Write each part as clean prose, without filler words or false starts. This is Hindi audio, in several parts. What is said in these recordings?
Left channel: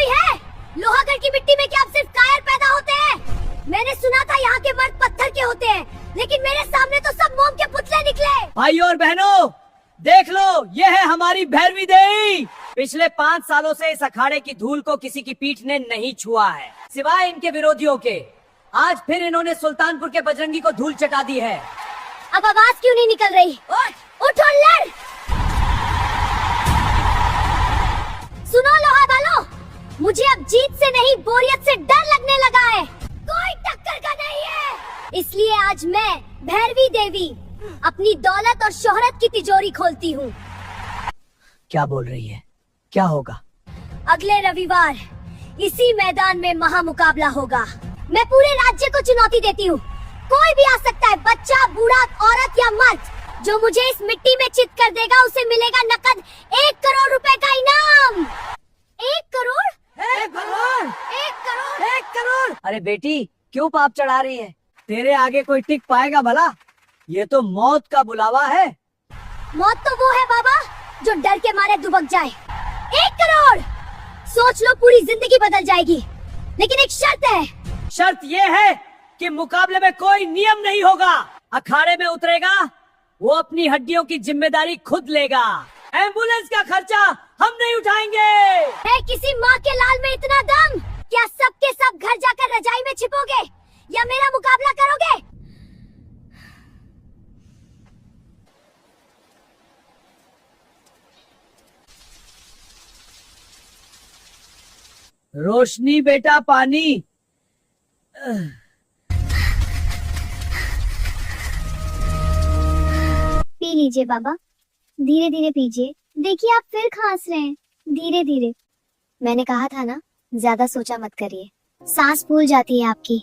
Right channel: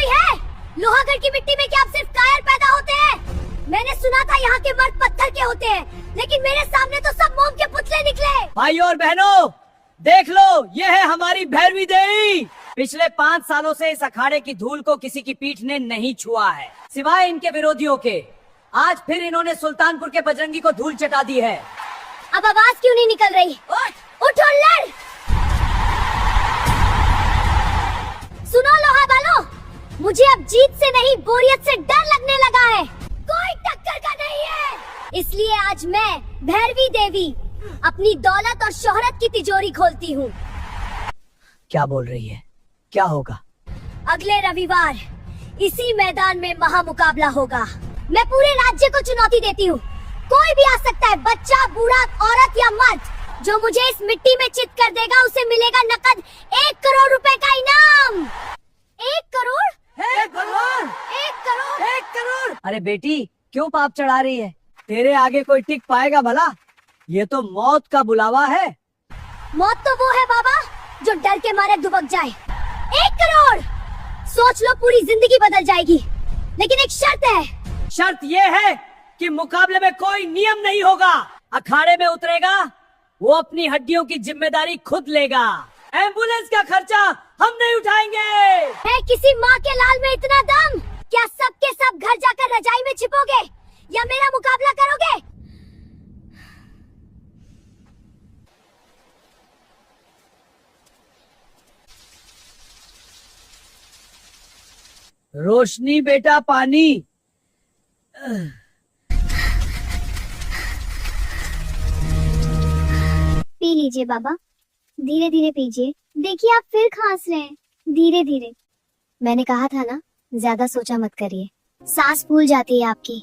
कोई है? लोहागढ़ की मिट्टी में क्या अब सिर्फ कायर पैदा होते हैं? मैंने सुना था यहाँ के मर्द पत्थर के होते हैं, लेकिन मेरे सामने तो सब मोम के पुतले निकले। भाइयों और बहनों, देख लो, ये है हमारी भैरवी देवी। पिछले 5 सालों से इस अखाड़े की धूल को किसी की पीठ ने नहीं छुआ है, सिवाय इनके विरोधियों के। आज फिर इन्होंने सुल्तानपुर के बजरंगी को धूल चटा दी है। अब आवाज क्यों नहीं निकल रही? उठ और लड़। सुनो लोहा वालों, मुझे अब जीत से नहीं बोरियत से डर लगने लगा है। कोई टक्कर का नहीं है। इसलिए आज मैं भैरवी देवी अपनी दौलत और शोहरत की तिजोरी खोलती हूँ। क्या बोल रही है? क्या होगा? अगले रविवार इसी मैदान में महामुकाबला होगा। मैं पूरे राज्य को चुनौती देती हूँ। कोई भी आ सकता है, बच्चा, बूढ़ा, औरत या मर्द। जो मुझे इस मिट्टी में चित कर देगा उसे मिलेगा नकद 1 करोड़ रुपए का इनाम। 1 करोड़? 1 करोड़? 1 करोड़? 1 करोड़? अरे बेटी, क्यों पाप चढ़ा रही है? तेरे आगे कोई टिक पाएगा भला? ये तो मौत का बुलावा है। मौत तो वो है बाबा जो डर के मारे दुबक जाए। 1 करोड़ सोच लो, पूरी जिंदगी बदल जाएगी। लेकिन एक शर्त है। शर्त ये है कि मुकाबले में कोई नियम नहीं होगा। अखाड़े में उतरेगा वो अपनी हड्डियों की जिम्मेदारी खुद लेगा। एम्बुलेंस का खर्चा हम नहीं उठाएंगे। है किसी माँ के लाल में इतना दम? क्या सब के सब घर जाकर रजाई में छिपोगे या मेरा मुकाबला करोगे? रोशनी बेटा, पानी। पी लीजिए बाबा, धीरे धीरे पीजिए। देखिए आप फिर खांस रहे हैं। धीरे धीरे। मैंने कहा था ना, ज्यादा सोचा मत करिए, सांस फूल जाती है आपकी।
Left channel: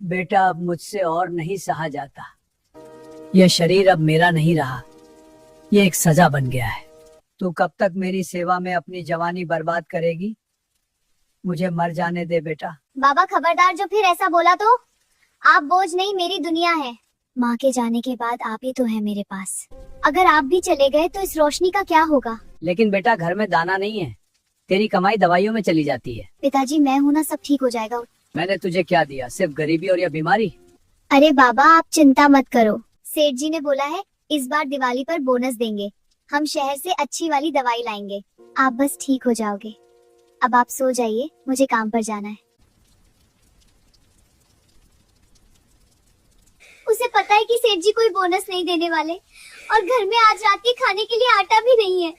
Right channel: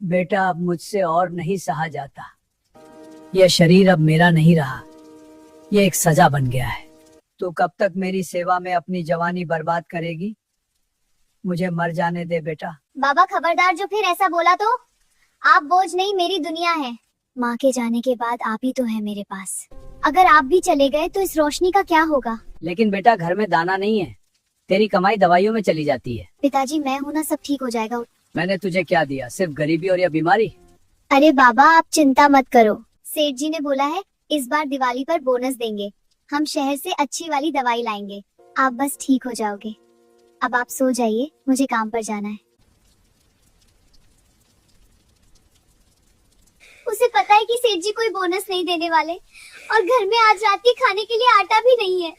बेटा, अब मुझसे और नहीं सहा जाता। यह शरीर अब मेरा नहीं रहा, ये एक सजा बन गया है। तू कब तक मेरी सेवा में अपनी जवानी बर्बाद करेगी? मुझे मर जाने दे बेटा। बाबा खबरदार, जो फिर ऐसा बोला तो। आप बोझ नहीं, मेरी दुनिया है। माँ के जाने के बाद आप ही तो है मेरे पास। अगर आप भी चले गए तो इस रोशनी का क्या होगा? लेकिन बेटा, घर में दाना नहीं है, तेरी कमाई दवाइयों में चली जाती है। पिताजी, मैं हूँ ना, सब ठीक हो जाएगा। मैंने तुझे क्या दिया? सिर्फ गरीबी और यह बीमारी। अरे बाबा, आप चिंता मत करो। सेठ जी ने बोला है इस बार दिवाली पर बोनस देंगे। हम शहर से अच्छी वाली दवाई लाएंगे। आप बस ठीक हो जाओगे। अब आप सो जाइए, मुझे काम पर जाना है। उसे पता है कि सेठ जी कोई बोनस नहीं देने वाले, और घर में आज रात के खाने के लिए आटा भी नहीं है।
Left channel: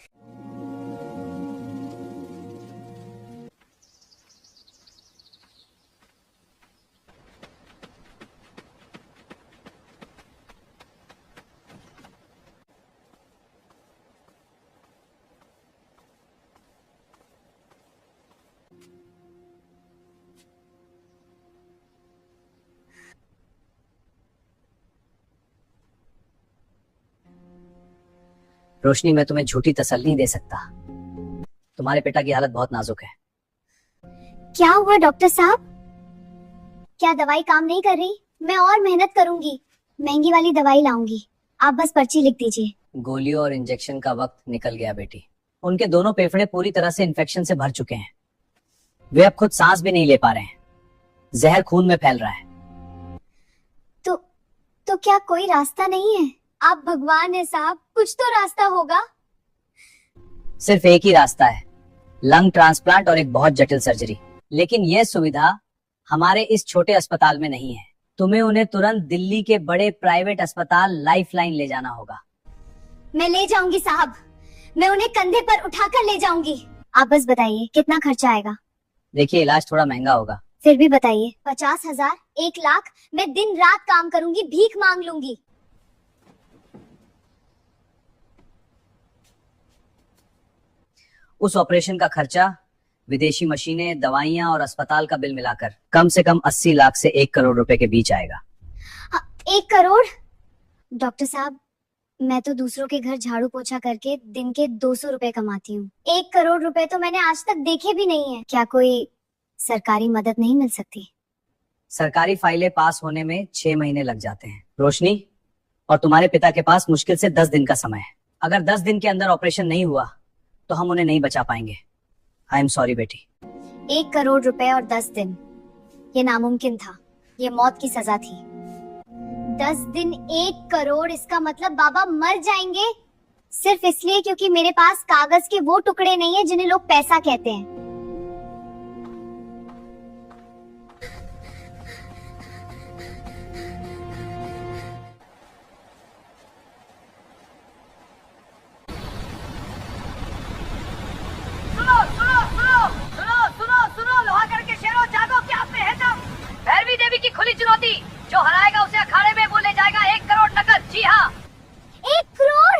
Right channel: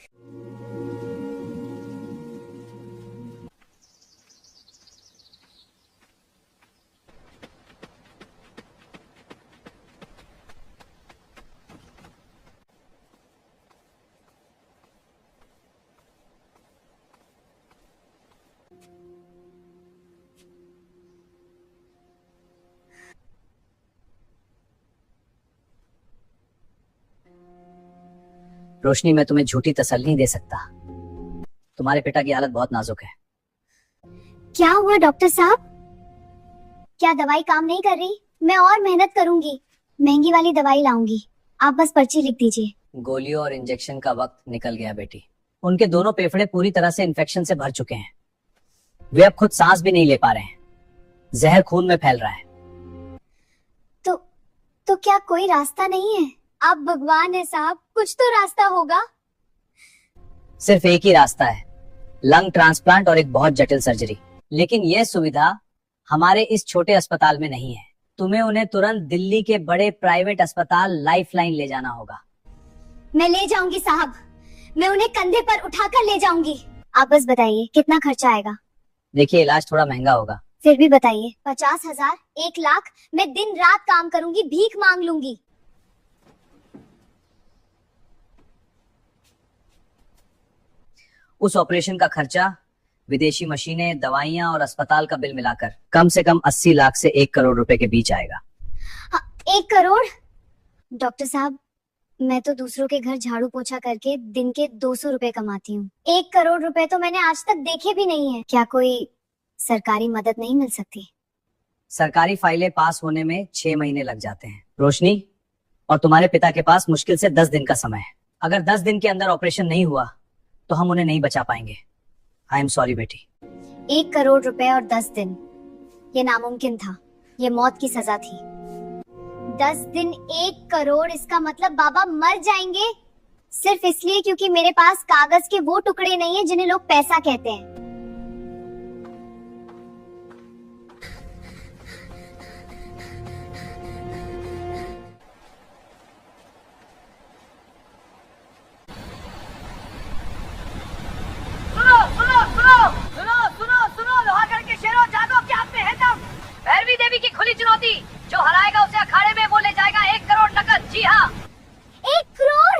रोशनी, मैं तुम्हें झूठी तसल्ली नहीं दे सकता। तुम्हारे पिता की हालत बहुत नाजुक है। क्या हुआ डॉक्टर साहब? क्या दवाई काम नहीं कर रही? मैं और मेहनत करूंगी, महंगी वाली दवाई लाऊंगी। आप बस पर्ची लिख दीजिए। गोलियों और इंजेक्शन का वक्त निकल गया बेटी। उनके दोनों फेफड़े पूरी तरह से इन्फेक्शन से भर चुके हैं। वे अब खुद सांस भी नहीं ले पा रहे हैं। जहर खून में फैल रहा है। तो क्या कोई रास्ता नहीं है? आप भगवान है साहब, कुछ तो रास्ता होगा। सिर्फ एक ही रास्ता है, लंग ट्रांसप्लांट और एक बहुत जटिल सर्जरी। लेकिन यह सुविधा हमारे इस छोटे अस्पताल में नहीं है। तुम्हें उन्हें तुरंत दिल्ली के बड़े प्राइवेट अस्पताल लाइफलाइन ले जाना होगा। मैं ले जाऊंगी साहब, मैं उन्हें कंधे पर उठाकर ले जाऊंगी। आप बस बताइए कितना खर्चा आएगा? देखिए, इलाज थोड़ा महंगा होगा। फिर भी बताइए। 50,000, 1 लाख? मैं दिन रात काम करूंगी, भीख मांग लूंगी। उस ऑपरेशन का खर्चा, विदेशी मशीनें, दवाइयां और अस्पताल का बिल मिलाकर कम से कम 80 लाख से 1 करोड़ रुपए के बीच आएगा। 1 करोड़? डॉक्टर साहब, मैं तो दूसरों के घर झाड़ू पोछा करके दिन के 200 रुपए कमाती हूँ। 1 करोड़ रुपए तो मैंने आज तक देखे भी नहीं है। क्या कोई सरकारी मदद नहीं मिल सकती? सरकारी फाइलें पास होने में 6 महीने लग जाते हैं रोशनी, और तुम्हारे पिता के पास मुश्किल से 10 दिन का समय है। अगर 10 दिन के अंदर ऑपरेशन नहीं हुआ तो हम उन्हें नहीं बचा पाएंगे। आई एम सॉरी बेटी। 1 करोड़ रुपए और 10 दिन, ये नामुमकिन था। ये मौत की सजा थी। 10 दिन 1 करोड़, इसका मतलब बाबा मर जाएंगे सिर्फ इसलिए क्योंकि मेरे पास कागज के वो टुकड़े नहीं है जिन्हें लोग पैसा कहते हैं। सुनो लोहागढ़ के शेरों, जागो, क्या आप में है दम? भैरवी देवी की खुली चुनौती, जो हराएगा उसे अखाड़े में वो ले जाएगा 1 करोड़ नकद। जी हाँ, 1 करोड़?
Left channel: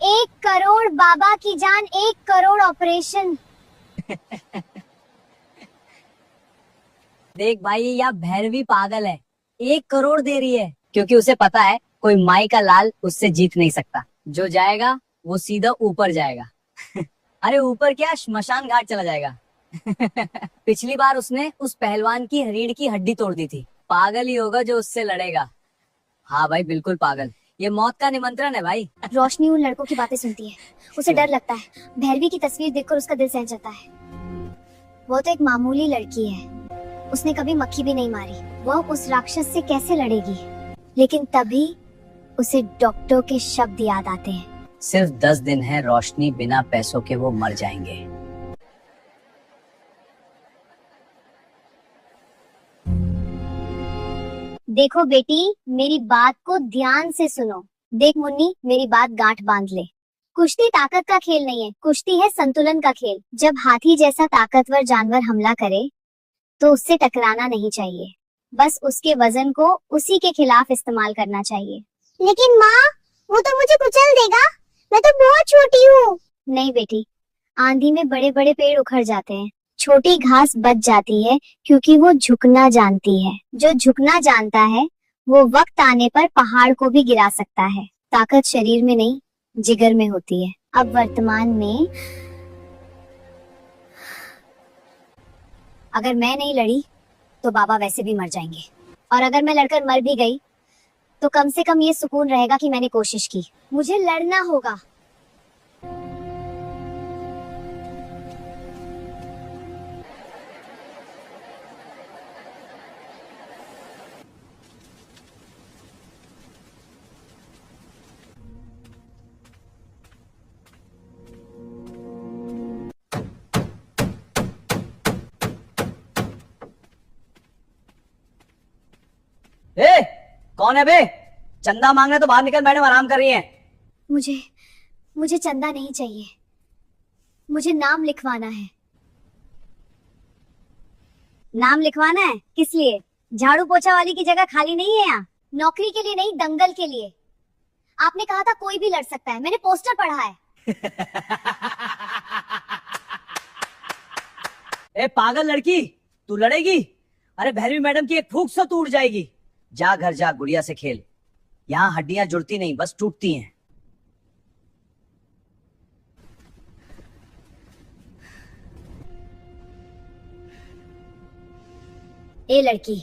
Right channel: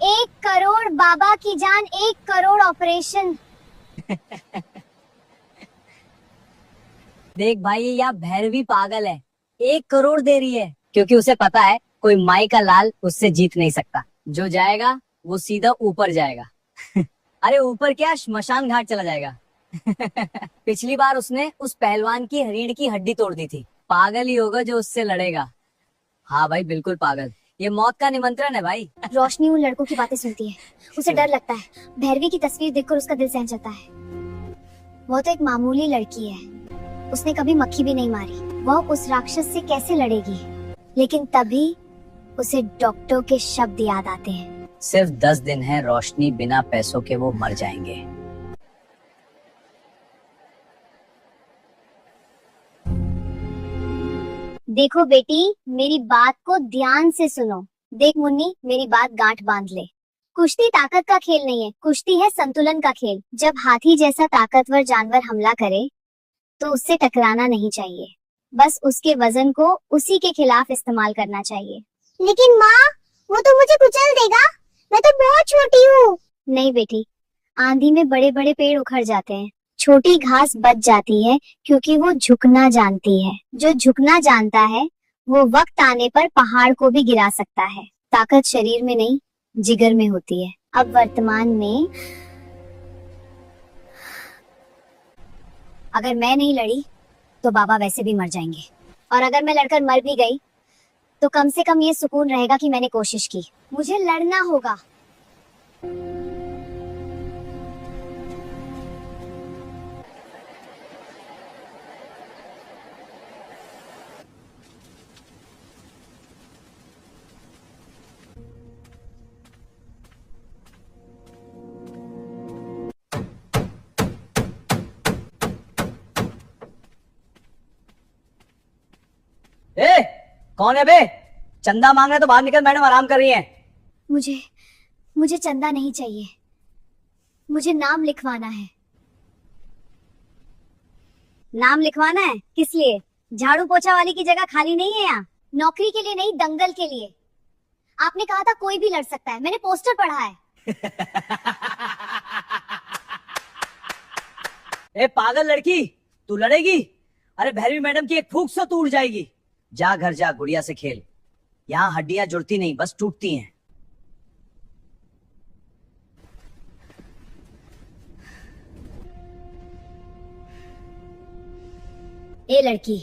एक करोड़ बाबा की जान, 1 करोड़ ऑपरेशन। देख भाई, यह भैरवी पागल है, 1 करोड़ दे रही है क्योंकि उसे पता है कोई माई का लाल उससे जीत नहीं सकता। जो जाएगा वो सीधा ऊपर जाएगा। अरे ऊपर क्या, श्मशान घाट चला जाएगा। पिछली बार उसने उस पहलवान की रीढ़ की हड्डी तोड़ दी थी। पागल ही होगा जो उससे लड़ेगा। हाँ भाई, बिल्कुल पागल। ये मौत का निमंत्रण है भाई। रोशनी उन लड़कों की बातें सुनती है, उसे डर लगता है। भैरवी की तस्वीर देखकर उसका दिल सहम जाता है। वो तो एक मामूली लड़की है, उसने कभी मक्खी भी नहीं मारी। वह उस राक्षस से कैसे लड़ेगी? लेकिन तभी उसे डॉक्टर के शब्द याद आते हैं। सिर्फ 10 दिन है रोशनी, बिना पैसों के वो मर जाएंगे। देखो बेटी, मेरी बात को ध्यान से सुनो। देख मुन्नी, मेरी बात गांठ बांध ले। कुश्ती ताकत का खेल नहीं है, कुश्ती है संतुलन का खेल। जब हाथी जैसा ताकतवर जानवर हमला करे तो उससे टकराना नहीं चाहिए, बस उसके वजन को उसी के खिलाफ इस्तेमाल करना चाहिए। लेकिन माँ, वो तो मुझे कुचल देगा, मैं तो बहुत छोटी हूँ। नहीं बेटी, आंधी में बड़े बड़े पेड़ उखड़ जाते हैं, छोटी घास बच जाती है क्योंकि वो झुकना जानती है। जो झुकना जानता है वो वक्त आने पर पहाड़ को भी गिरा सकता है। ताकत शरीर में नहीं, जिगर में होती है। अब वर्तमान में अगर मैं नहीं लड़ी तो बाबा वैसे भी मर जाएंगे, और अगर मैं लड़कर मर भी गई तो कम से कम ये सुकून रहेगा कि मैंने कोशिश की। मुझे लड़ना होगा। ए, कौन है बे? चंदा मांग रहे तो बाहर निकल, मैडम आराम कर रही है। मुझे चंदा नहीं चाहिए, मुझे नाम लिखवाना है। नाम लिखवाना है? किस लिए? झाड़ू पोछा वाली की जगह खाली नहीं है यहाँ। नौकरी के लिए नहीं, दंगल के लिए। आपने कहा था कोई भी लड़ सकता है, मैंने पोस्टर पढ़ा है। ए पागल लड़की, तू लड़ेगी? अरे भैरवी मैडम की एक फूंक से तू उड़ जाएगी। जा घर जा, गुड़िया से खेल। यहाँ हड्डियां जुड़ती नहीं, बस टूटती हैं। ए लड़की,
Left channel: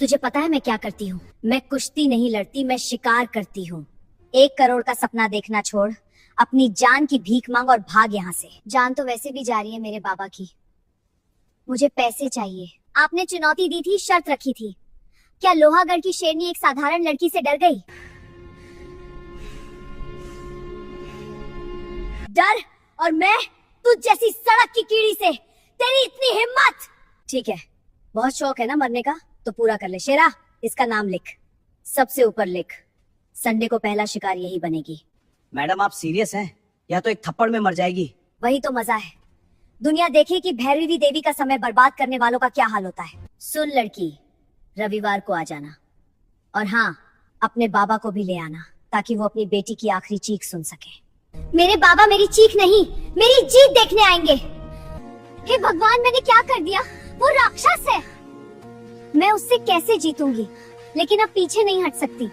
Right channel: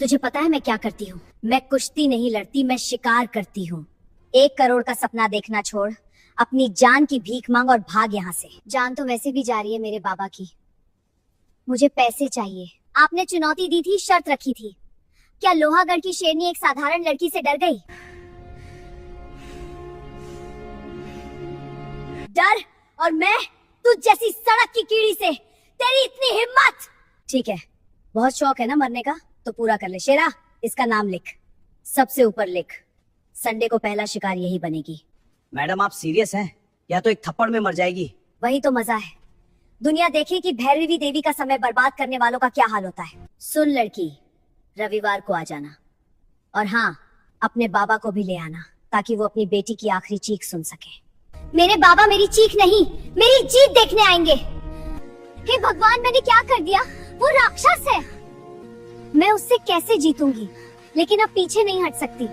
तुझे पता है मैं क्या करती हूँ? मैं कुश्ती नहीं लड़ती, मैं शिकार करती हूँ। 1 करोड़ का सपना देखना छोड़, अपनी जान की भीख मांग और भाग यहाँ से। जान तो वैसे भी जा रही है मेरे बाबा की, मुझे पैसे चाहिए। आपने चुनौती दी थी, शर्त रखी थी। क्या लोहागढ़ की शेरनी एक साधारण लड़की से डर गई? डर? और मैं तुझ जैसी सड़क की कीड़ी से? तेरी इतनी हिम्मत? ठीक है, बहुत शौक है ना मरने का, तो पूरा कर ले। शेरा, इसका नाम लिख, सबसे ऊपर लिख। संडे को पहला शिकार यही बनेगी। मैडम आप सीरियस हैं या तो एक थप्पड़ में मर जाएगी? वही तो मजा है, दुनिया देखे कि भैरवी देवी का समय बर्बाद करने वालों का क्या हाल होता है। सुन लड़की, रविवार को आ जाना, और हाँ, अपने बाबा को भी ले आना ताकि वो अपनी बेटी की आखिरी चीख सुन सके। मेरे बाबा मेरी चीख नहीं, मेरी जीत देखने आएंगे। हे भगवान, मैंने क्या कर दिया? वो राक्षस है, मैं उससे कैसे जीतूंगी? लेकिन अब पीछे नहीं हट सकती।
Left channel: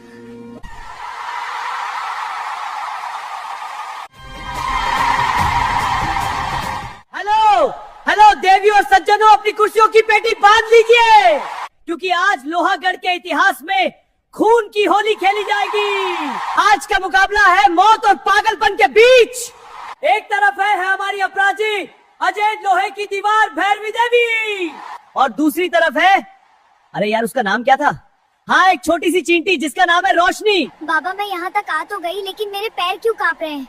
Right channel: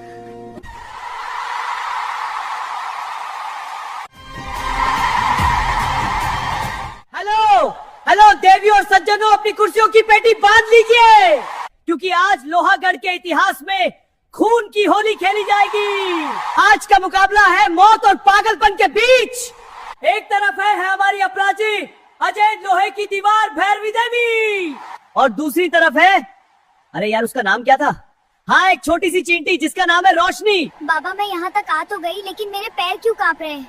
हेलो हेलो देवी और सज्जनों, अपनी कुर्सियों की पेटी बांध लीजिए। क्योंकि आज लोहागढ़ के इतिहास में खून की होली खेली जाएगी। आज का मुकाबला है मौत और पागलपन के बीच। एक तरफ है हमारी अपराधी अजय लोहे की दीवार भैरवी देवी, और दूसरी तरफ है, अरे यार उसका नाम क्या था, हाँ एक छोटी सी चींटी जिसका नाम है रोशनी। बाबा मैं यहाँ तक आ तो गई, लेकिन मेरे पैर क्यों कांप रहे हैं?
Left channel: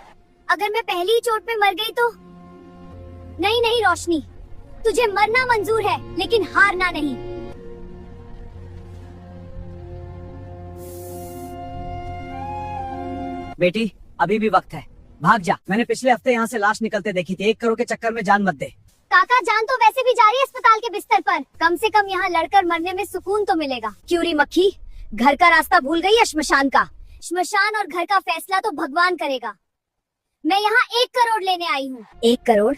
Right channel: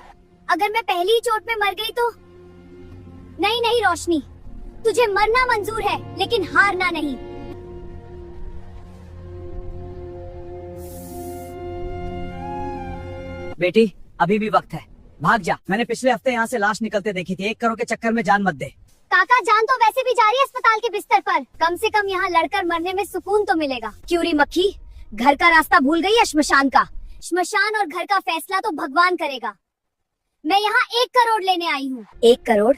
अगर मैं पहली ही चोट में मर गई तो? नहीं नहीं रोशनी, तुझे मरना मंजूर है लेकिन हारना नहीं। बेटी अभी भी वक्त है, भाग जा। मैंने पिछले हफ्ते यहाँ से लाश निकलते देखी थी। 1 करोड़ के चक्कर में जान मत दे। काका जान तो वैसे भी जा रही है अस्पताल के बिस्तर पर, कम से कम यहाँ लड़कर मरने में सुकून तो मिलेगा। क्यूरी मक्खी, घर का रास्ता भूल गई या श्मशान का? श्मशान और घर का फैसला तो भगवान करेगा। मैं यहाँ 1 करोड़ लेने आई हूँ। 1 करोड़?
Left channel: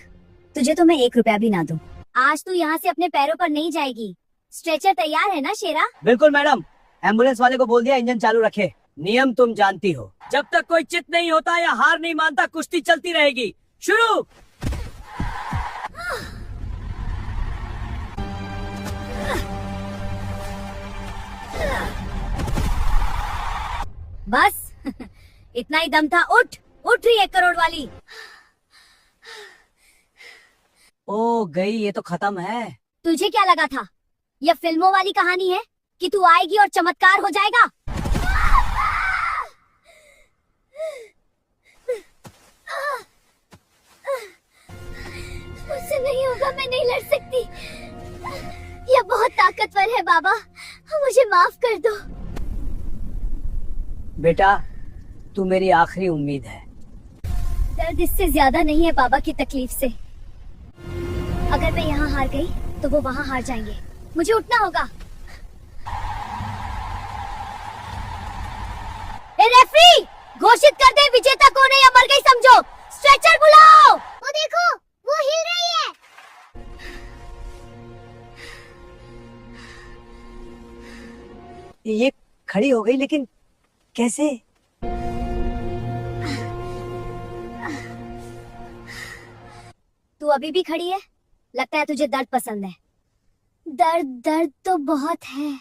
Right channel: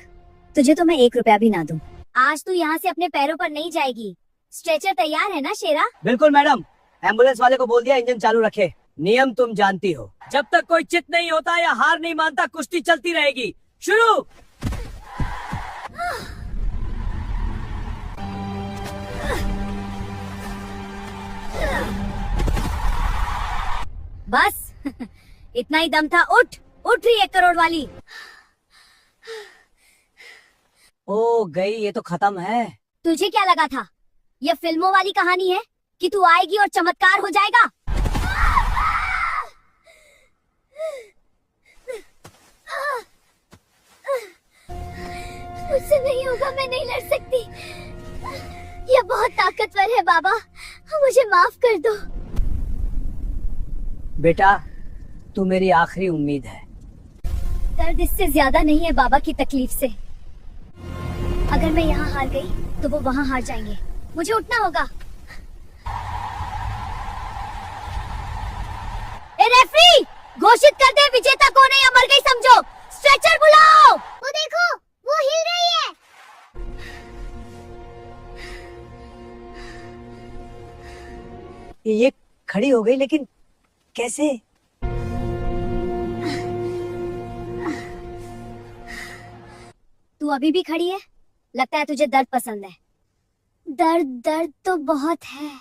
तुझे तो मैं 1 रुपया भी ना दूँ। आज तू यहाँ से अपने पैरों पर नहीं जाएगी। स्ट्रेचर तैयार है ना शेरा? बिल्कुल मैडम, एम्बुलेंस वाले को बोल दिया इंजन चालू रखे। नियम तुम जानती हो, जब तक कोई चित नहीं होता या हार नहीं मानता कुश्ती चलती रहेगी। शुरू। बस इतना ही दम था। उठ उठ रही 1 करोड़ वाली। ओ गई, ये तो खत्म है। तुझे क्या लगा था यह फिल्मों वाली कहानी है कि तू आएगी और चमत्कार हो जाएगा? मुझसे नहीं होगा, मैं नहीं लड़ सकती। यह बहुत ताकतवर है बाबा, मुझे माफ कर दो। बेटा तू मेरी आखिरी उम्मीद है। दर्द इससे ज्यादा नहीं है बाबा की तकलीफ से। अगर मैं यहाँ हार गई तो वो वहाँ हार जाएंगे। मुझे उठना होगा। ए रेफरी, घोषित कर दे विजेता कौन है या मर गई समझो। स्ट्रेचर बुलाओ। वो देखो, वो हिल रही है। ये खड़ी हो गई, लेकिन कैसे? तू अभी भी खड़ी है? लगता है तुझे दर्द पसंद है। दर्द तो बहुत है,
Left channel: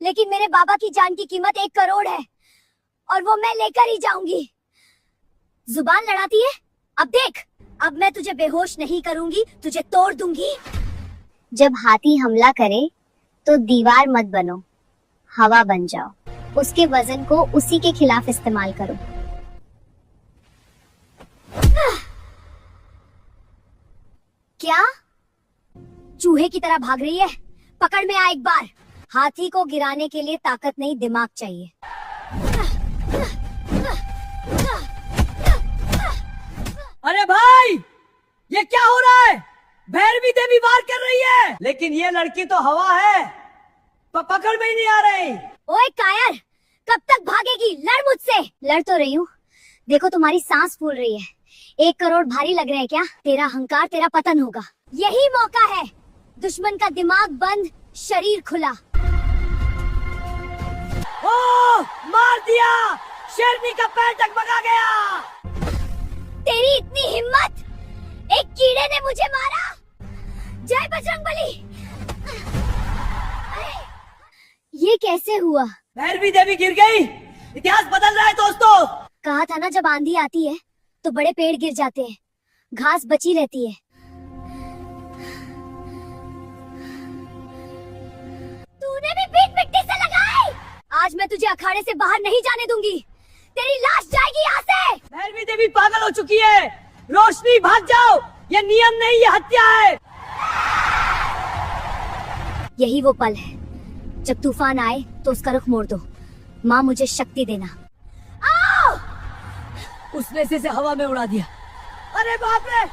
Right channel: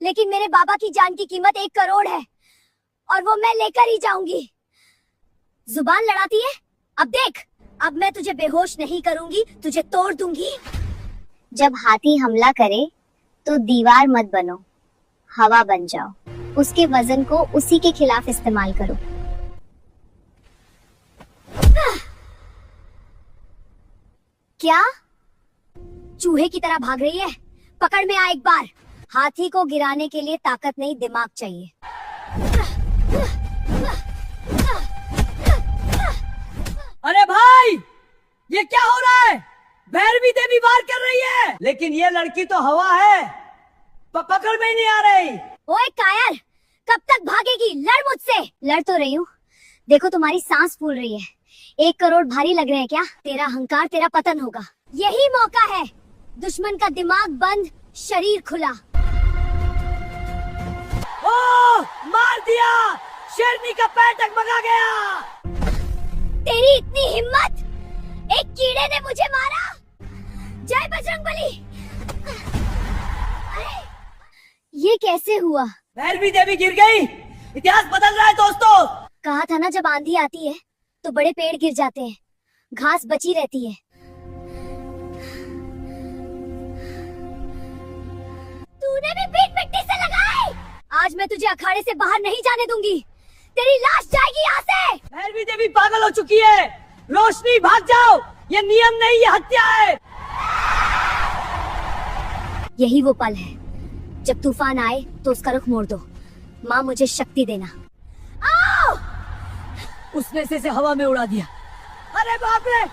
लेकिन मेरे बाबा की जान की कीमत 1 करोड़ है और वो मैं लेकर ही जाऊंगी। जुबान लड़ाती है? अब देख, अब मैं तुझे बेहोश नहीं करूंगी, तुझे तोड़ दूंगी। जब हाथी हमला करे तो दीवार मत बनो, हवा बन जाओ। उसके वजन को उसी के खिलाफ इस्तेमाल करो। क्या चूहे की तरह भाग रही है? पकड़ में आ एक बार। हाथी को गिराने के लिए ताकत नहीं, दिमाग चाहिए। अरे भाई ये क्या हो रहा है? भैरवी देवी वार कर रही है, लेकिन ये लड़की तो हवा है, पकड़ में नहीं आ रही। ओए कायर, कब तक भागेगी? लड़ मुझसे। लड़ तो रही हूँ, देखो तुम्हारी सांस फूल रही है। 1 करोड़ भारी लग रहे हैं क्या? तेरा अहंकार, तेरा पतन होगा। यही मौका है। दुश्मन का दिमाग बंद, शरीर खुला। ओ, मार दिया। शेरनी का पैर टकमगा गया। तेरी इतनी हिम्मत, एक कीड़े ने मुझे मारा। जय बजरंगबली। ये कैसे हुआ? भैरवी देवी गिर गई। इतिहास बदल रहा है दोस्तों। कहा था ना, जब आंधी आती है तो बड़े पेड़ गिर जाते हैं, घास बची रहती है। तूने भी पीठ मिट्टी से लगाई। आज मैं तुझे अखाड़े से बाहर नहीं जाने दूंगी। तेरी लाश जाएगी यहाँ से। भैरवी देवी पागल हो चुकी है। रोशनी भाग जाओ, ये नियम नहीं, ये हत्या है। यही वो पल है जब तूफान आए तो उसका रुख मोड़ दो। माँ मुझे शक्ति देना। आओ! उसने से हवा में उड़ा दिया। अरे बाप रे!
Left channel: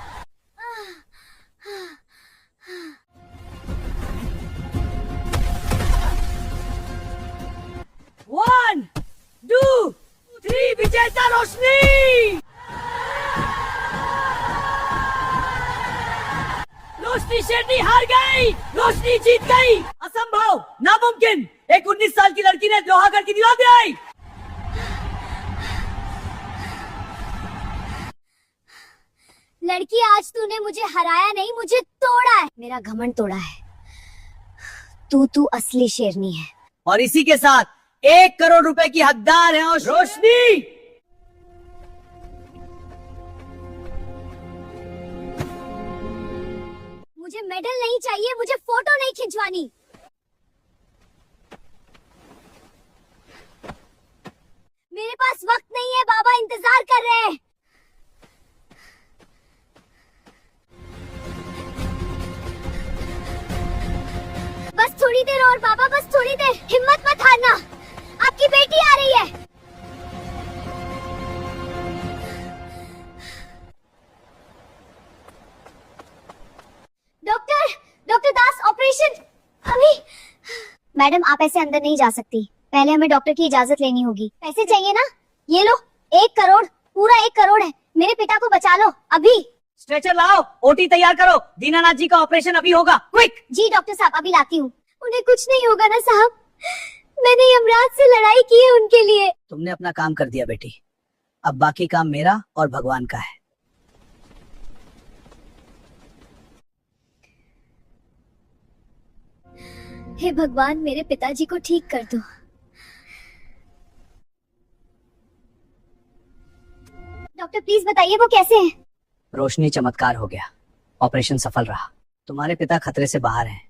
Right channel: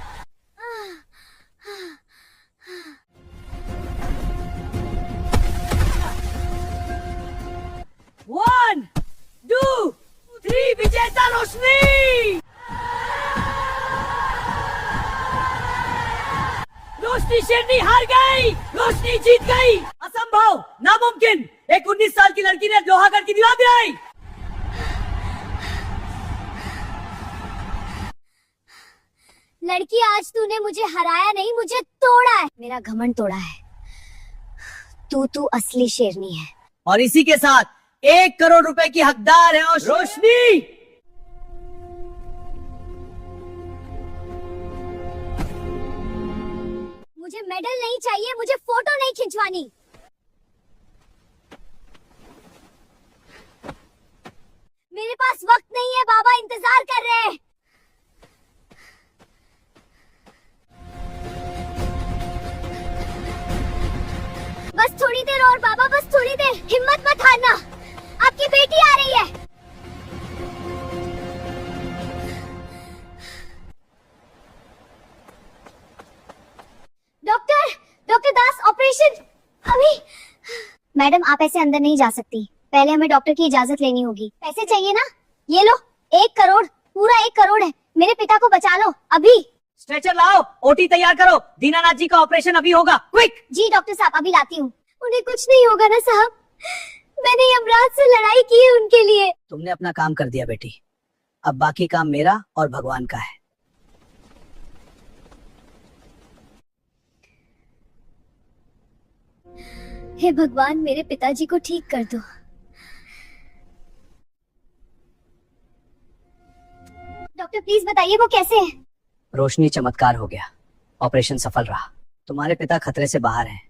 One, 2, 3, विजेता रोशनी। रोशनी शेरनी हार गई। रोशनी जीत गई। असंभव, नामुमकिन। एक 19 साल की लड़की ने लोहागढ़ की दीवार गिराई। लड़की, आज तूने मुझे हराया नहीं, मुझे तोड़ा है। मेरा घमंड तोड़ा है। तू असली शेरनी है। और इसी के साथ 1 करोड़ रुपए की हकदार है। और रोशनी, मुझे मेडल नहीं चाहिए, मुझे फोटो नहीं खिंचवानी। मेरे पास वक्त नहीं है, बाबा इंतजार कर रहे हैं। बस थोड़ी देर और बाबा, बस थोड़ी देर, हिम्मत मत हारना, आपकी बेटी आ रही है। डॉक्टर दास, ऑपरेशन अभी। मैडम, आप ऐसे अंदर नहीं जा सकती, पहले हमें डॉक्टर की इजाजत लेनी होगी। पैसे चाहिए ना? ये लो, 1 करोड़, पूरा 1 करोड़ है। मेरे पिता को बचा लो अभी। स्ट्रेचर लाओ, ओटी तैयार करो, दीनानाथ जी का ऑपरेशन अभी होगा, क्विक। जी डॉक्टर साहब, अभी लाती हूँ। उन्हें कुछ नहीं होगा ना साहब? मैंने यमराज से लड़ाई की है उनके लिए। तुमने अपना काम कर दिया बेटी, अब बाकी काम मेरा और भगवान का है। हे भगवान, मेरे पिताजी को ठीक कर दो। डॉक्टर प्लीज बताइए वो कैसे हैं? रोशनी, चमत्कार हो गया, ऑपरेशन सफल रहा। तुम्हारे पिता खतरे से बाहर हैं,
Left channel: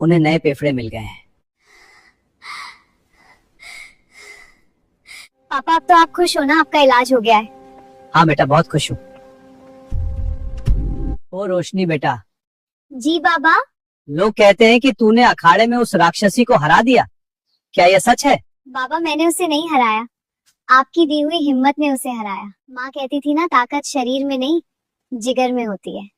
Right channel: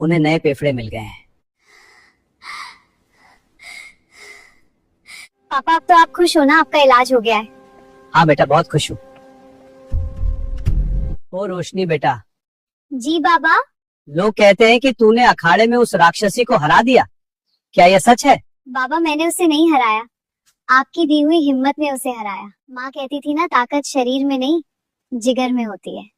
उन्हें नए फेफड़े मिल गए हैं। पापा, अब तो आप खुश हो ना? आपका इलाज हो गया है। हाँ बेटा, बहुत खुश हूँ। ओ रोशनी बेटा। जी बाबा। लोग कहते हैं कि तूने अखाड़े में उस राक्षसी को हरा दिया, क्या यह सच है? बाबा, मैंने उसे नहीं हराया, आपकी दी हुई हिम्मत ने उसे हराया। माँ कहती थी ना, ताकत शरीर में नहीं जिगर में होती है।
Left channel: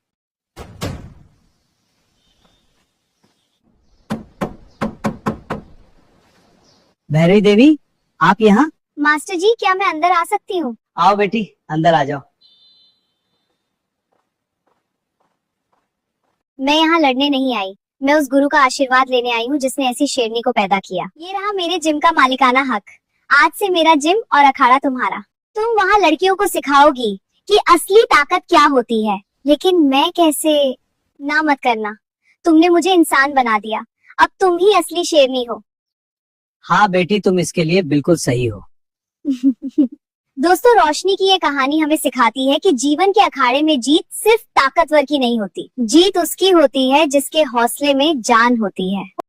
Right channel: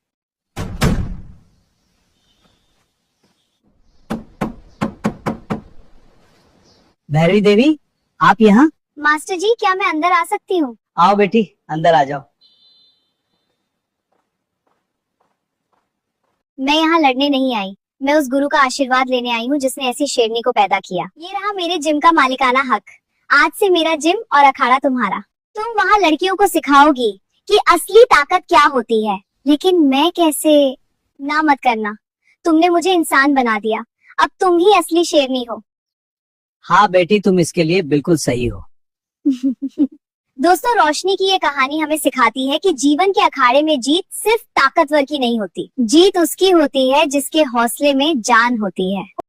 भैरवी देवी, आप यहाँ? मास्टर जी, क्या मैं अंदर आ सकती हूँ? आओ बेटी, अंदर आ जाओ। मैं यहाँ लड़ने नहीं आई, मैं उस गुरु का आशीर्वाद लेने आई हूँ जिसने ऐसी शेरनी को पैदा किया। ये रहा मेरे जिम का मालिकाना हक। आज से मेरा जिम और अखाड़ा तुम्हारा। तुम वहाँ लड़कियों को सिखाओगी कि असली ताकत क्या होती है, लेकिन मैं कैसे? ना मत करना, तुमने मुझे इंसान बना दिया, अब तुम ही असली शेरनी हो। हाँ बेटी, तुम इसके लिए बिल्कुल सही हो। दोस्तों, रोशनी की ये कहानी हमें सिखाती है कि जीवन के अखाड़े में जीत सिर्फ ताकतवर की नहीं होती, जीत उसकी होती है जिसके हौसले में जान होती है।